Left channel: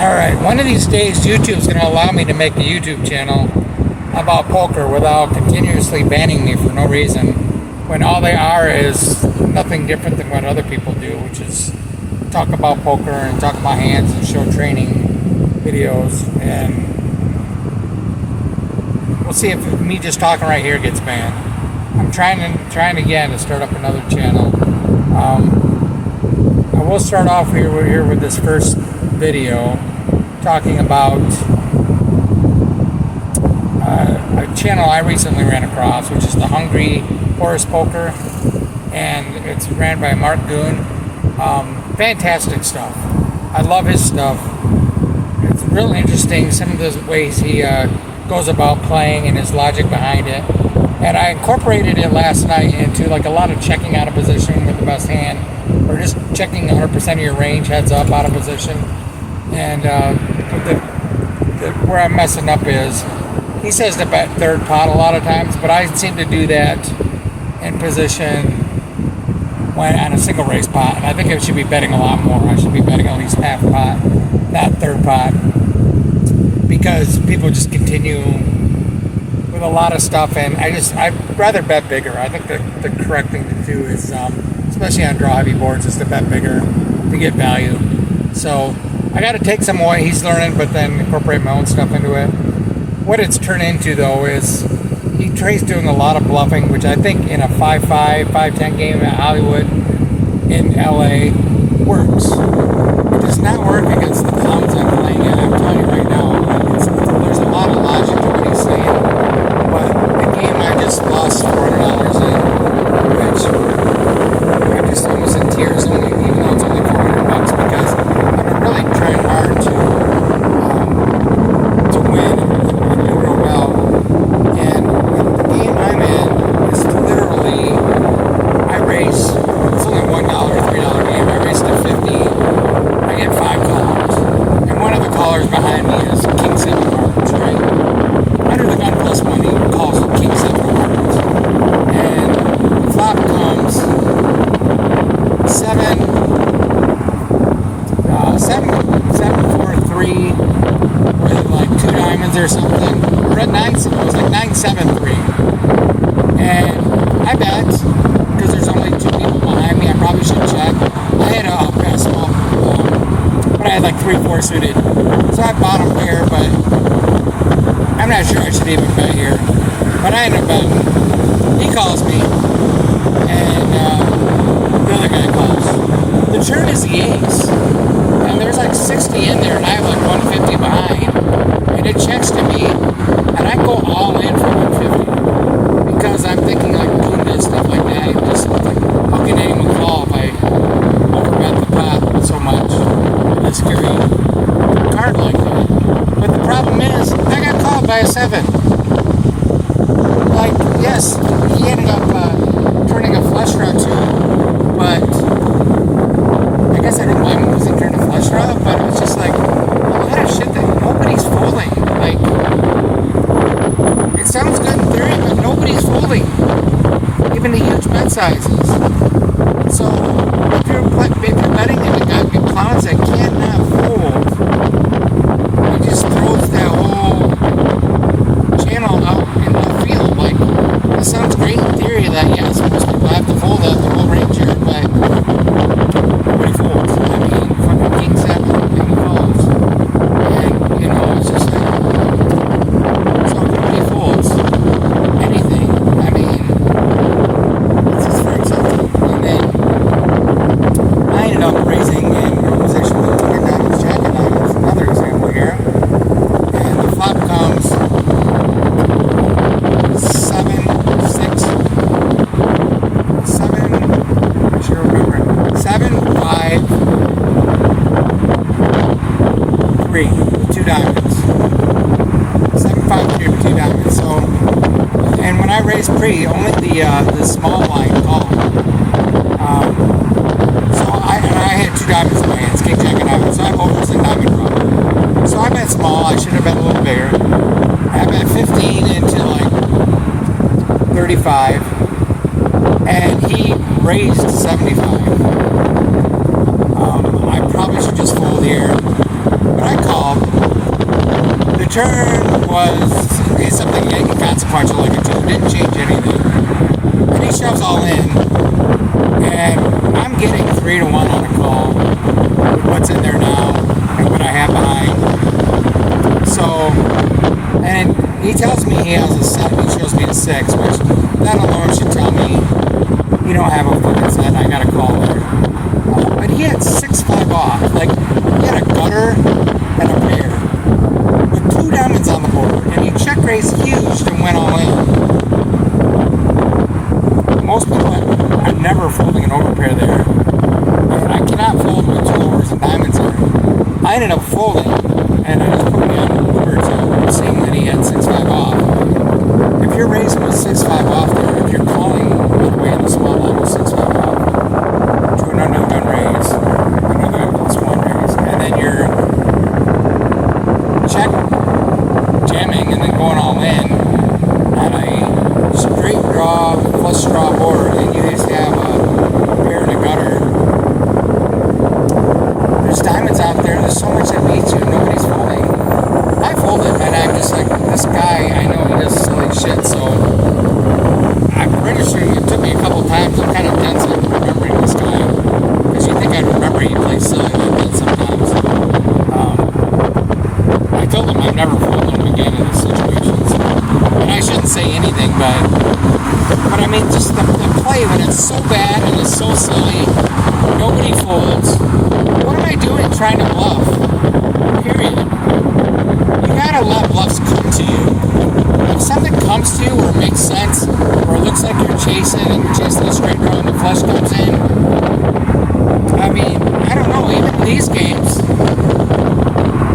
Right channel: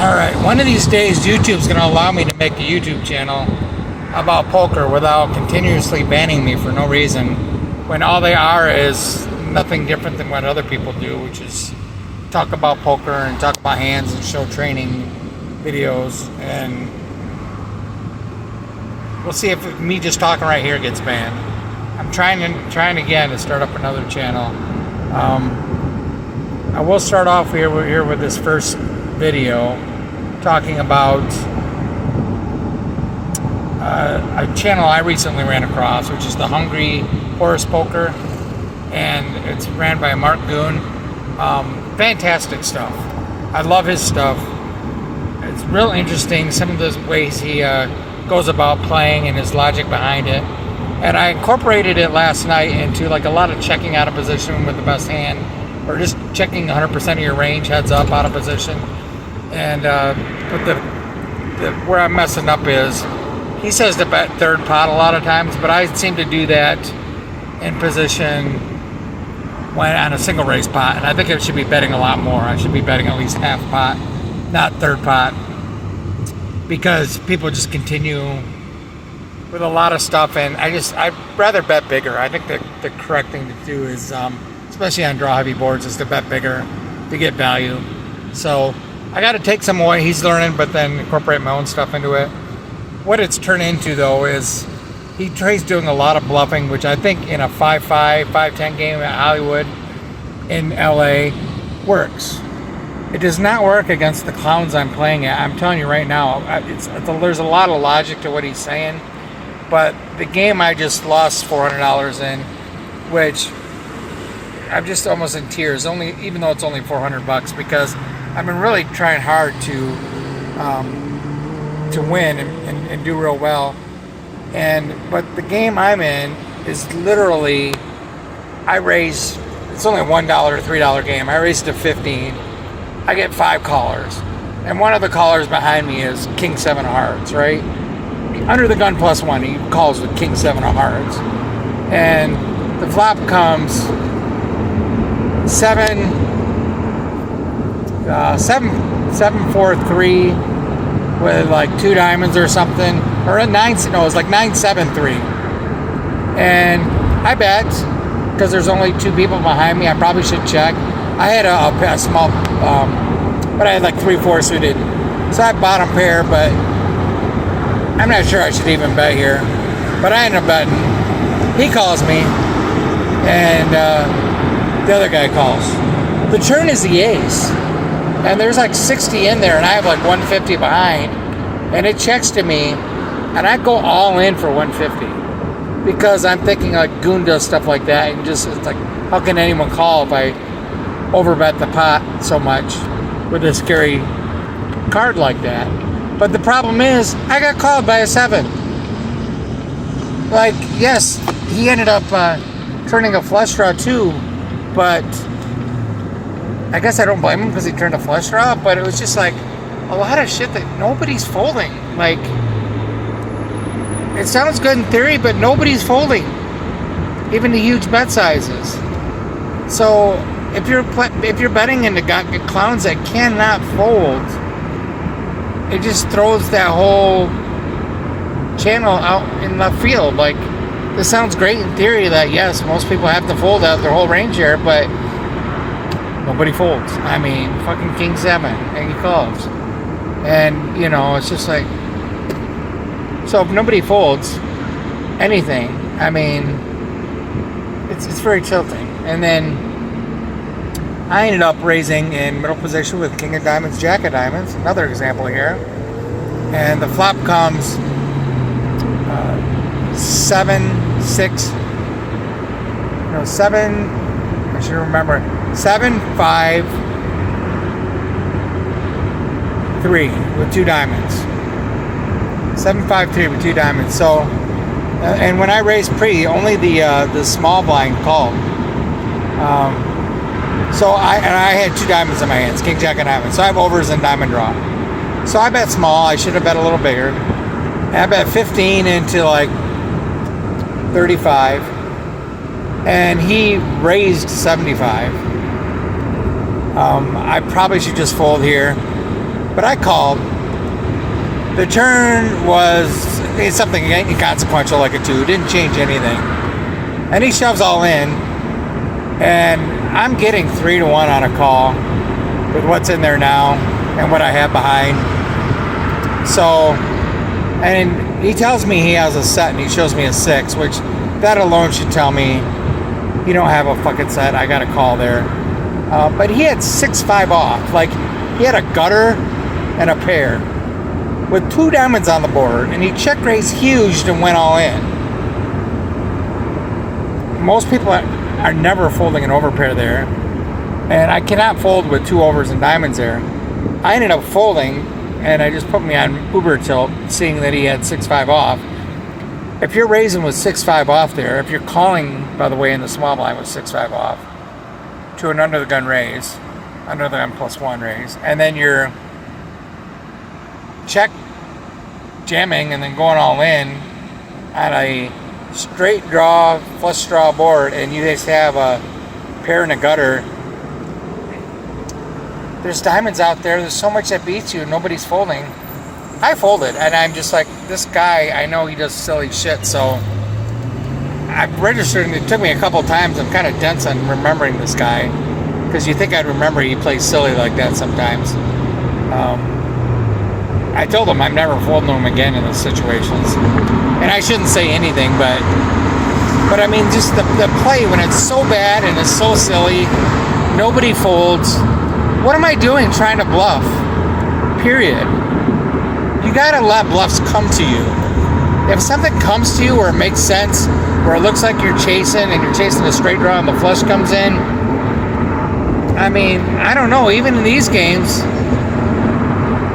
Alright, one of these days YouTube's going to allow me to make a YouTube channel about poker without continuously banning me for no reason, when all they are is nothing different than what other people do, which is talk about poker and talk about hands and show training videos. And we'll see if me just talking right here gets banned. I'm trying again to start up another channel. I will start off here with this first video talking about a channel I recently ran across, which is the Hungry Horse Poker, and it's ran by Mark Goon. Fantastic stuff. I love his stuff. It's real interesting, some of the ways he goes about playing and his logic behind it. And I incorporated it last night into like a lot of checking out of position with the best hand, or just checking 100% of your range, heads up, out of position. And but where I'm messing up is, he says to bet third pot a lot of times, but I seem to do that in position when on a single race pot, and I think I should be betting a lot more. I should be betting at least half pot, not third pot, because people just continue with a lot of stuff, and I'd rather bet bigger. I think the correct thing to do is, especially on draw heavy boards, is to bet bigger to get value. So I got to take some of what he's learning, but then incorporate my own stuff into it. What it's turned into, though, is he tries doing a lot of bluffing, which I think in a 5-5, 5-10 game at Hollywood in LA works. It does not work against the clowns I'm playing at. I'm telling you right now, there's a lot of logic to what he's saying. But the game I just lost $400 in, which I'm just almost in tears, even though it's only $400, because I've been really trying hard to win and do real well. But the game I'm in is literally, it's only $1, $3 game. I race to 50. I get 5 callers, and one of the callers behind me is King 7 of Hearts, right? Under the gun +1, he calls the King 7 of Hearts, and the flop comes 7-4-3 with like 2 diamonds or something, or at 9. No, it was like 9-7-3, and I bet, because there's only 2 people behind me, I probably should check. I had a small, but I had like 3-4 suited, so I bottom pair, but I'm not sure I should even bet here. But I end up betting. He calls me, and the other guy calls. The turn is the ace, and there's like 60 in there, and I have like 150 behind, and it checks to me, and I go all in for 150, because I'm thinking like Goon does stuff like that. And just like, how can anyone call if I overbet the pot so much with a scary card like that? But the problem is, I got called by a 7. Like, yes, he ended up turning a flush draw too, but I guess I don't blame him because he turned a flush draw, but it was just like a lot of shit that nobody's folding. Like, it sounds good in theory, but nobody's folding, even the huge bet sizes. So if you're betting into clowns that cannot fold, it just throws that whole channel out in left field. Like, this sounds great in theory that yes, most people have to fold out their whole range here, but nobody folds. I mean, fucking King 7, and he folds. And, it's just like, so if nobody folds anything, I mean, it's very tilting. And then I ended up raising in middle position with King of Diamonds, Jack of Diamonds, another example here. And the flop comes 7, 6, 7, I should remember, 7, 5, 3 with 2 diamonds. 7, 5, 3 with 2 diamonds. So, and when I raised pre, only the small blind called. So I had 2 diamonds in my hands, King, Jack, and Diamonds. So I have overs and diamond draw. So I bet small. I should have bet a little bigger. I bet 15 into like 35, and he raised 75. I probably should just fold here. But I called. The turn was it's something inconsequential like a 2. Didn't change anything. And he shoves all in. And I'm getting 3 to 1 on a call with what's in there now and what I have behind. So, and he tells me he has a set and he shows me a 6, which that alone should tell me you don't have a fucking set. I got a call there. But he had 6-5 off. Like, he had a gutter and a pair with 2 diamonds on the board, and he check raised huge and went all in. Most people are never folding an overpair there, and I cannot fold with 2 overs and diamonds there. I ended up folding, and I just put me on Uber tilt, seeing that he had 6-5 off. If you're raising with 6-5 off there, if you're calling, by the way, in the small line with 6-5 off to an under the gun raise, another M+1 raise, and then you're check jamming and then going all in on a straight draw, flush draw board, and you just have a pair and a gutter. There's diamonds out there. There's so much that beats you. Nobody's folding. I folded, and I'm just like, this guy, I know he does silly shit, so I'm registering. It took me a couple times. I'm kind of dense on remembering this guy, because you think I'd remember he plays silly like that sometimes. I told him I'm never folding him again in these situations. And I shouldn't say anything, but I mean, just the play when it's so bad and it's so silly, nobody folds. What am I doing trying to bluff? Period. You gotta let bluffs come to you. If something comes to you where it makes sense, where it looks like you're chasing and you're chasing a straight draw and the flush comes in, I mean, I don't know, even in these games,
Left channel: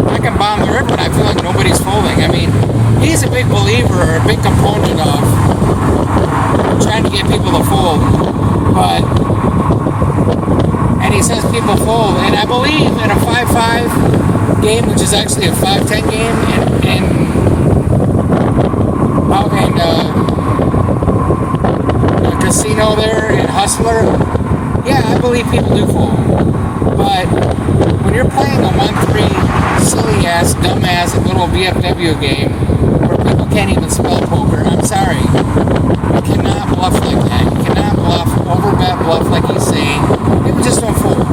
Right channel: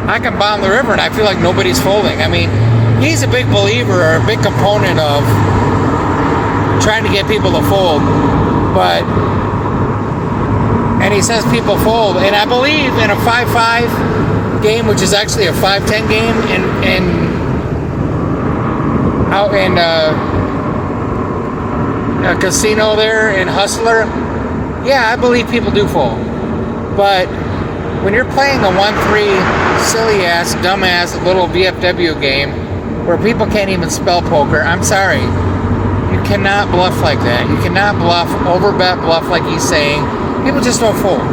I can bomb the river and I feel like nobody's folding. I mean, he's a big believer or a big component of trying to get people to fold, and he says people fold, and I believe in a 5-5 game, which is actually a 5-10 game out in a casino there in Hustler. Yeah, I believe people do fold, but when you're playing a 1-3 silly ass, dumbass little VFW game where people can't even spell poker, I'm sorry. You cannot bluff like that. You cannot bluff, overbet bluff like he's saying. People just don't fold.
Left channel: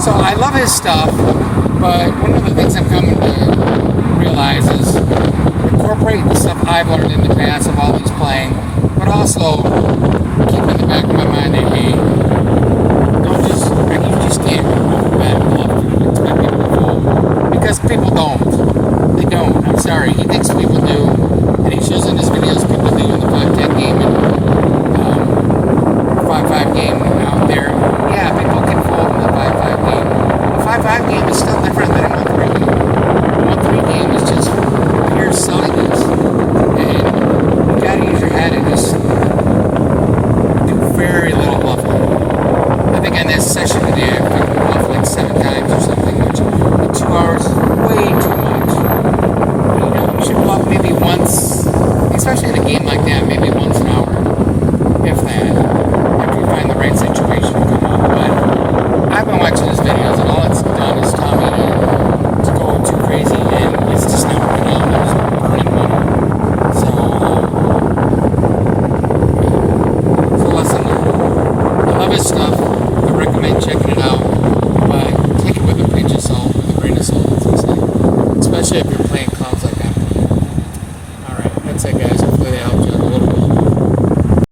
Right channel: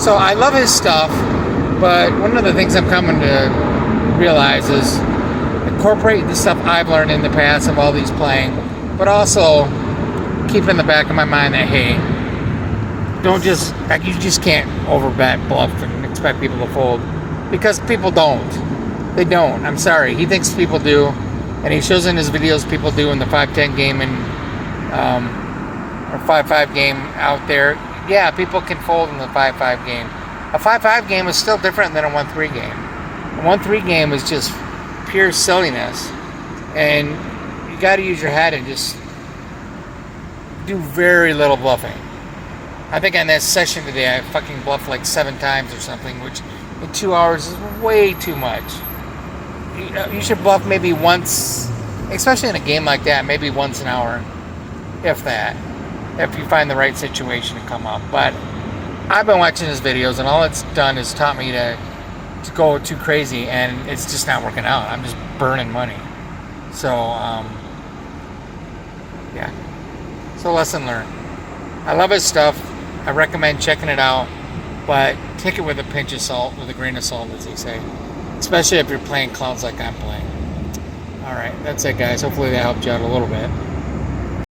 So I love his stuff, but one of the things I'm coming to realize is incorporate the stuff I've learned in the past of all these playing, but also keep in the back of my mind that, hey, you just can't overbet bluff and expect people to fold, because people don't. They don't. I'm sorry. He thinks people do, and he shows in his videos people do in the 5-10 game and 5-5 game out there. Yeah, people can fold in the 5-5 game. A 5-5 game is still different than a 1-3 game. A 1-3 game is just pure silliness, and you got to use your head and just do very little bluffing. I think on that session today, I fucking bluffed like 7 times or something, which in 2 hours is way too much. You know, you should bluff maybe once, especially in a game like that, maybe once an hour, if that, if you find the right situation to come up. But I've been watching his videos, and all it's done is taught me to go too crazy, and it's just not working out, and I'm just burning money. So, yeah. So lesson learned. I love his stuff. I recommend checking it out, but take it with a pinch of salt, with a grain of salt, as they say. Especially if you're playing clowns like I'm playing. Alright, that's it, guys. Hopefully that helped you out a little bit.